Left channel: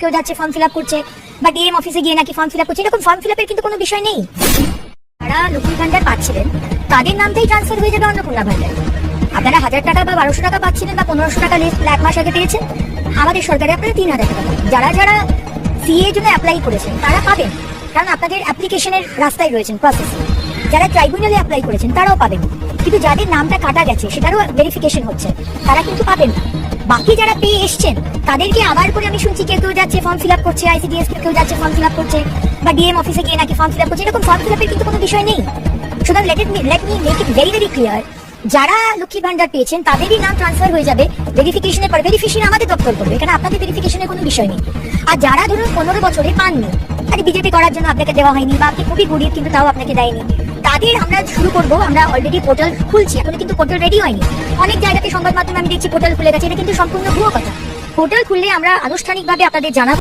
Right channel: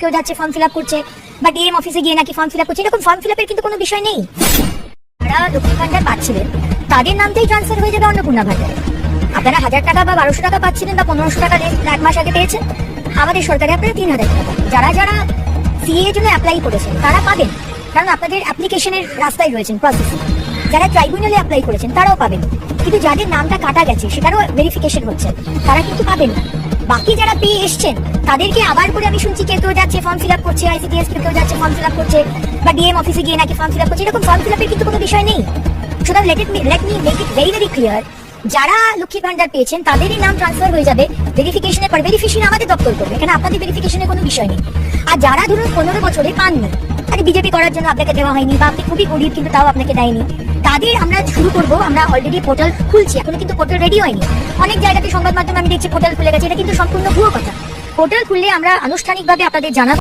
কেউ যাচ্ছে form fill up করছে বা ডিএম অফিসে গিয়ে নাকি ফর্ম ফিল আপ করছে, এরকম ফর্ম ফিল আপের কিন্তু কোনো বিষয় নেই। যারা লক্ষ্মী ভান্ডার পাচ্ছিলেন তাদের নামতেই ট্রান্সফার হয়ে যাবে অন্নপূর্ণা ভান্ডার। আপনারা 1000 টাকা বা 1200 টাকা পাচ্ছিলেন বা 1500 টাকা এক মাস আগে পেয়েছেন, আমাদের সরকারে আপনারা 3000 টাকা পাবেন। যারা যারা সিএ এর জন্য অ্যাপ্লাই করেছেন তারা পাবেন, কারণ আপনাদের অ্যাপ্লিকেশনের রাস্তায় রয়েছেন প্রসেসে। যারা ট্রাইব্যুনালে অ্যাপ্লাই করেছেন তারাও পাবেন, কিন্তু যাদের নামটা কাটা গেছে সেটারও ভেরিফিকেশন হচ্ছে, তারা কিন্তু পাবেন না। বাকি যারা পেয়ে এসছেন তাদেরকে আবার করে আমি শুনছি কেউ যাচ্ছে ফর্ম ফিল আপ করছে, আইসিডিএস কেউ যাচ্ছে ফর্ম ফিল আপ করছে বা ডিএম অফিসে গিয়ে নাকি ফর্ম ফিল আপ করছে, এরকম ফর্ম ফিল আপের কিন্তু কোনো বিষয় নেই। সুতরাং let me make it very clear, যারা লক্ষ্মী ভান্ডার পেয়েছেন তাদেরই নাম ট্রান্সফার হয়ে যাবে ভেরিফিকেশনের পর। ভেরিফিকেশন আমাদের দপ্তর করবে, এখানে আপনাদের ভেরিফিকেশনের কোনো বিষয় নেই। আর যারা ধরুন 15 বছরে পাননি, তাহলে বিজেপি করার জন্য আপনাকে দেওয়া হয়নি বা আপনি খুবই গরিব কিন্তু তাও আপনাকে দেয়নি, তাদের আমরা শুরু করবো। আমরা অলরেডি পোর্টাল খুলছি, এখন কিন্তু পোর্টাল রেডি হয়নি। অনেক জায়গাতে সংবাদ মাধ্যমে আমি দেখছি পোর্টাল খুলে গেছে, এটা কিন্তু সম্পূর্ণ ভুয়ো কথা। পোর্টাল খুললে আমরা আনুষ্ঠানিকভাবে আপনাদের জানাবো।